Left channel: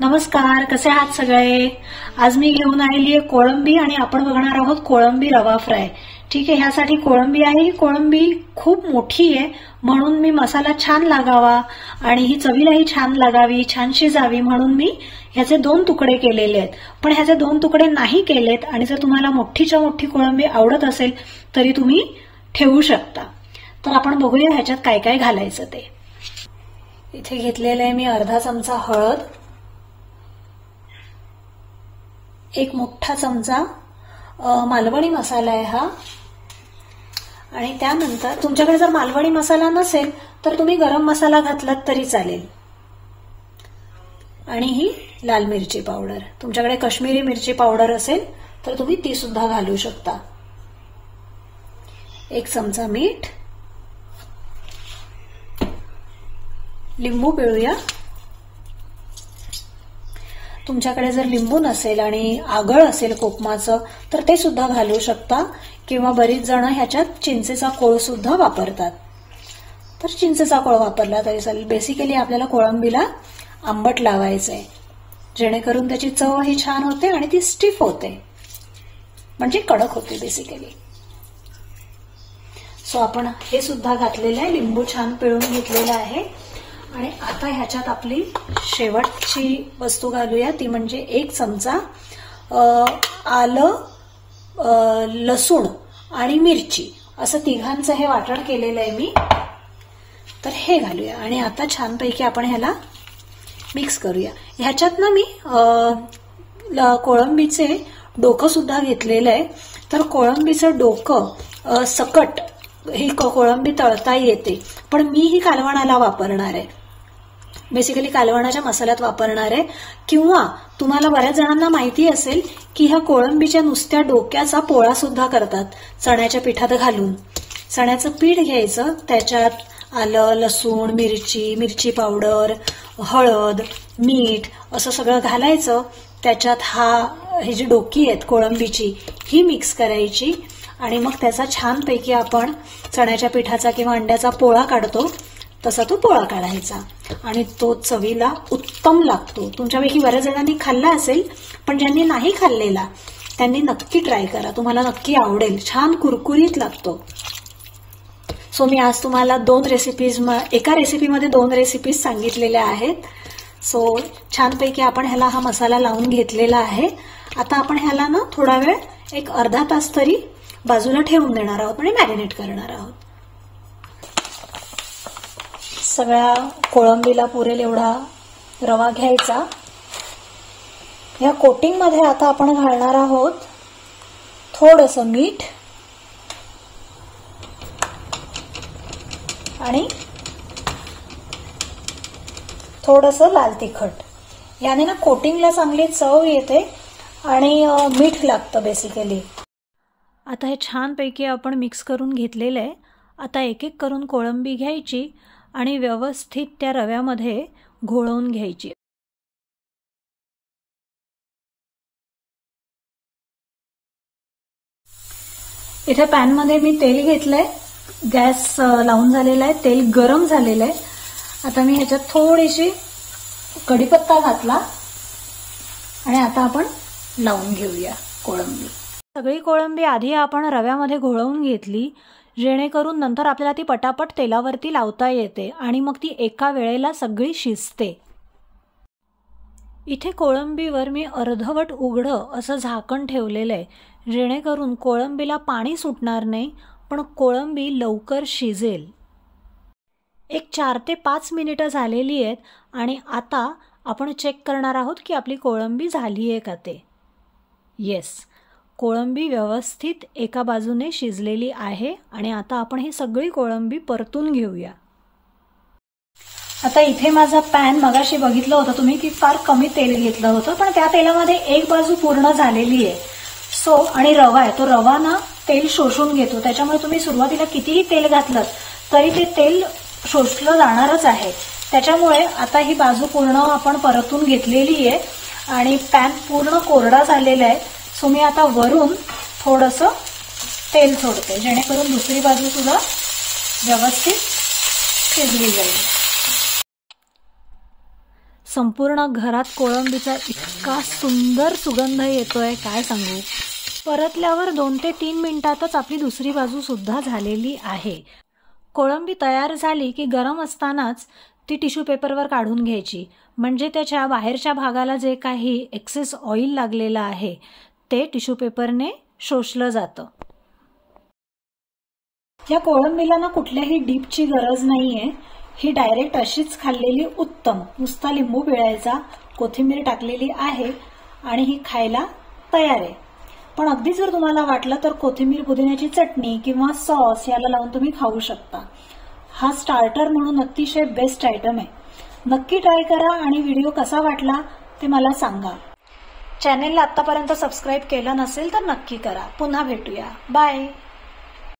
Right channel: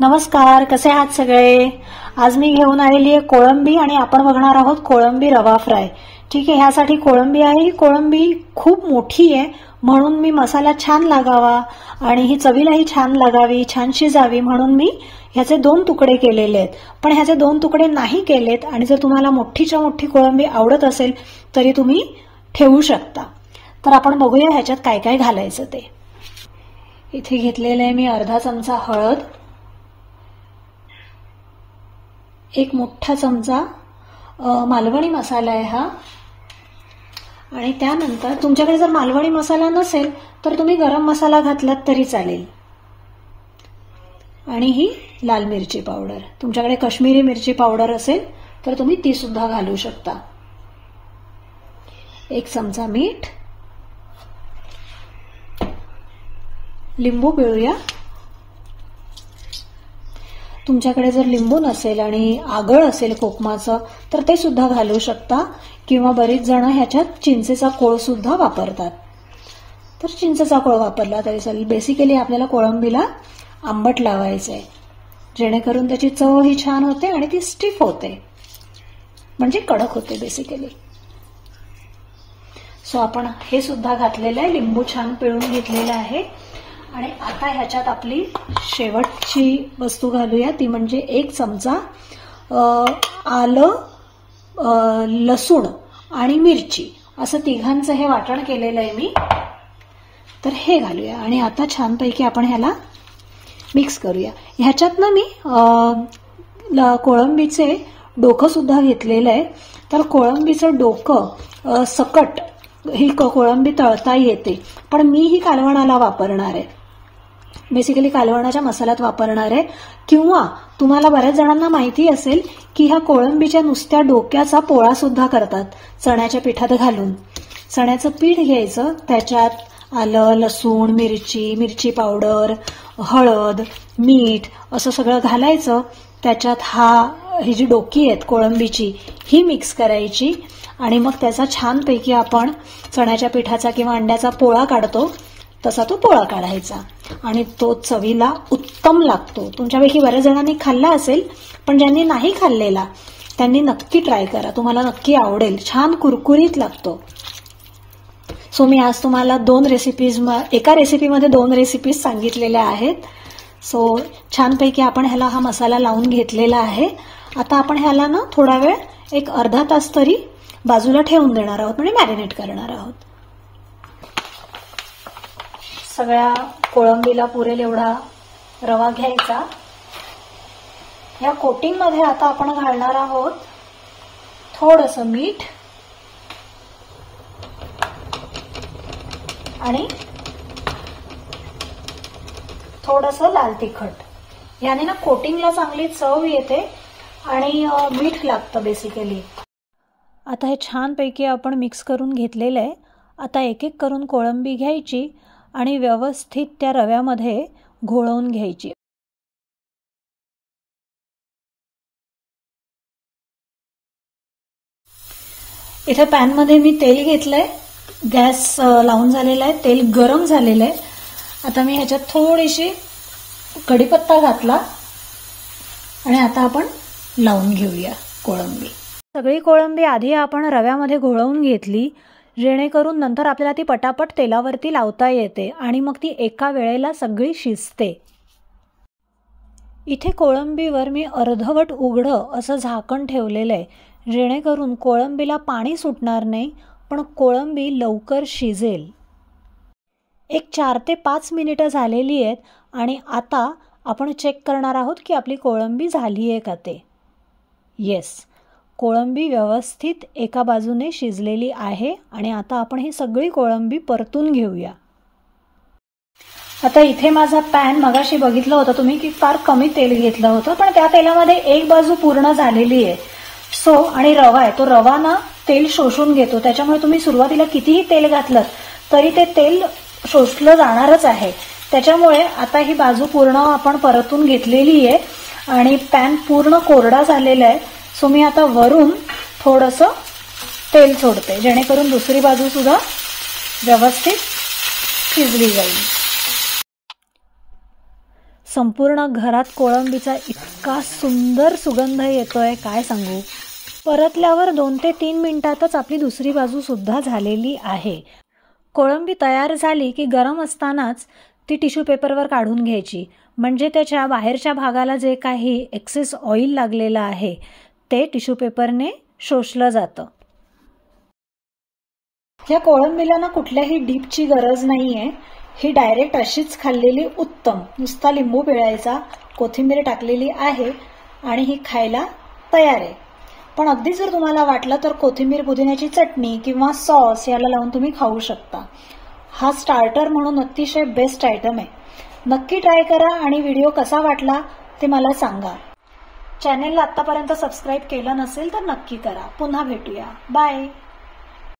नमस्कार, कसे आहात सगळे? आज मी घेऊन आलेली आहे कोळंबी आणि आपण बघणार आहोत कोळंबी रवा फ्राय. ठीक आहे, ह्यासाठी कोळंबी आहे. ही कोळंबी खूप मोठी आहे म्हणून मी मसाला छान लागावा आणि ही चवीलाही छान लागावी, छान शिजावी म्हणून मी ह्याचे 2 तुकडे केलेले आहेत. पण ह्याचे 2 तुकडे नाही केलेत आणि जर तुम्हाला मोठीच्या मोठी कोळंबी आवडत असेल तरी तुम्ही ठेवू शकता. तर आपण बघूया ह्याच्यात काय काय घालायचं ते. इथे घेतलेले आहे मी अर्धा चमचा हळद, 1 मोठा चमचा मालवणी मसाला आहे हा, आणि त्यानंतर तुमच्याकडे जर मालवणी मसाला नसेल तर तुम्ही गरम मसाला घातलात तरी चालेल. आणि ही लाल मिरची पावडर, तुमच्याकडे काश्मीरी मिरची पावडर असेल तर तुम्ही ती सुद्धा घालू शकता. 1 चमचा मीठ, लिंबू पिळूया. तुमच्याकडे जर लिंबू नसेल आणि आगळ असेल कोकमाचं तर ते सुद्धा घालू शकता, किंवा बरीच जण ह्याच्यात चिंचेचा कोळ सुद्धा वापरतात, तर चिंचेचा कोळ वापरला तरी चालेल. बेसिकली आपल्याला कोळंबीला आंबट लावायचंय जेणेकरून त्याची चव ही छान होते आणि ती स्टिफ होते, म्हणजे कडक होते बेसिकली. सो आपण हे सुद्धा घातलेलं आहे, लिंबू छान पिळून घेतलेलं आहे. आणि आता ह्याच्यात आपली शेवटची वस्तू घालूया, ती म्हणजे 1 चमचा आलं, लसूण आणि मिरची असं तिघांचं हे वाटण केलेलं आहे मी. तर हे घालूया आणि आता छानपैकी आपण ह्याला मिक्स करूया. ह्याच्यात ना मी कोळंबीचे डोकं सुद्धा घेतलेलं आहे. तर कोळंबीचं डोकं सकट ही कोळंबी तळता येते, पण मी ही कालवणाला वापरणार आहे, बेसिकली कालवणाच्या मसाल्यात वापरणार आहे. किंवा तुम्हाला बऱ्याच जणांना माहिती असेल की ह्या कोळंबीच्या नुसत्या डोक्याचा पोळा सुद्धा करतात चण्याच्या पिठात घालून. चण्याचं पीठ घ्यायचं, त्याच्यात आलं, लसूण, मिरची पावडर, हळद, मीठ असं सगळं घालायचं. त्याच्यात ही जी डोकी आहेत कोळंबीची ही मिक्स करायची आणि मग त्याचा छानपैकी आपण चण्याच्या पिठाचा किंवा अंड्याचा पोळा काढतो तसा तो पोळा काढायचा आणि तो चवीला उत्तम लागतो. तुमच्यापैकी बऱ्याच जणांनी खाल्ला असेल, पण ज्यांनी नाही खाल्लेला त्यांनी नक्की ट्राय करा, तुम्हाला नक्की आवडेल. छान कुरकुरीत लागतो. सो मी आज तुम्हाला 2 रेसिपीज, एका रेसिपीमध्ये 2 रेसिपीज सांगितलेल्या आहेत. सो छानपैकी आपण ह्याला हा मसाला लावून घेतलेला आहे. आता आपण ह्याला ना थोडा वेळ, एक अर्धा तास तरी बाजूला ठेवून देणार आहोत आणि मॅरिनेट करणार आहोत. सगळ्या कोळंबीला पुरेल एवढा रवा घ्यायचा. या कोटिंग मध्ये आता आपण घालणार आहोत थोडंसं मीठ आणि थोडंसं लाल तिखट. याने ना कोटिंगला चांगली चव येते आणि मीठ लागतं बेसिकली. आता हे छानपैकी आपण मिक्स करून घेतलेलं आहे. आता एक एक करून कोळंबी घ्यायची आणि व्यवस्थित त्या रव्यामध्ये घोळवून घ्यायची. इथे पॅनमध्ये मी तेल घेतलंय, गॅस लावून झालेला आहे, तेल गरम झालेलं आहे. आता मी ह्याच्यात थोडीशी कढीपत्ता घातला आणि आता आपण लावून घेऊया कोळंबी. सगळी कोळंबी आधी आपण रव्यामध्ये घोळवून घेतली जेणेकरून नंतर आपल्याला ती पटापट तेलावरती लावता येते आणि मग ती एका वेळेला सगळी शिजते. इथे कोळंबीवर मी अर्धवट उघडं असं झाकण ठेवलेलं आहे जेणेकरून कोळंबीला पाणी सुटणार नाही, पण कोळंबी लवकर शिजेल. एक 4 ते 5 मिनिटं झालेली आहेत आणि आता आपण चेक करणार आहोत की आपली कोळंबी झाली आहे का ते. येस, कोळंबी व्यवस्थित एका बाजूने शिजलेली आहे आणि आता आपण ही सगळी कोळंबी परतून घेऊया. आता इथे माझा पॅन, मगाशी बघितलं होतं तुम्ही की फार कमी तेल घेतलं होतं, पण त्या तेलामध्ये एक बाजू पूर्ण झालेली आहे. सो आणि रवा आहे, तो रवा ना तेल शोषून घेतो, त्याच्यामुळे तुम्ही सुरुवातीला कितीही तेल घातलं तरी ते तेल शोषलं जाणारच आहे. त्याच्यामुळे आता ही बाजू पूर्ण आपण परतून घेतलेली आहे आणि पॅन पूर्ण कोरडा झालेला आहे. सो मी आता वरून थोडंसं तेल सोडते जेणेकरून दुसरी बाजू सुद्धा व्यवस्थित शिजली जाईल. संपूर्ण घरात कोळंबीचा इतका सुंदर सुगंध येतोय काय सांगू। परतल्यावर 2 ते 3 मिनिटातच आपली दुसरी बाजू सुद्धा झालेली आहे। कोळंबी तयार झाली की गरम असतानाच ती टिश्यू पेपरवर काढून घ्यायची, म्हणजे त्याच्या बाहेरच्या भागाला जे काही एक्सेस ऑइल लागलेलं आहे ते टिश्यू पेपरने शोषलं जातं। या कोळंबीला ना कुठल्याही डीपची गरज नाहीये, ही डायरेक्ट अशीच खाल्लेली उत्तम। नुसता लिंबू पिळायचा, कोथिंबीर टाकलेली आहे आणि ही खायला तयार आहे। पण अगदी जर तुम्हाला वाटलं तर कोथिंबीर पुदिन्याची चटणी किंवा सॉस याला लावून तुम्ही खाऊ शकता। हा स्टार्टर म्हणून अतिशय बेस्ट आयटम आहे। नक्की ट्राय करा आणि व्हिडिओ कसा वाटला ते मला सांगा। चॅनेलला आतापर्यंत सबस्क्राईब केलं नसेल तर नक्की करा। पुन्हा भेटूया, बाय।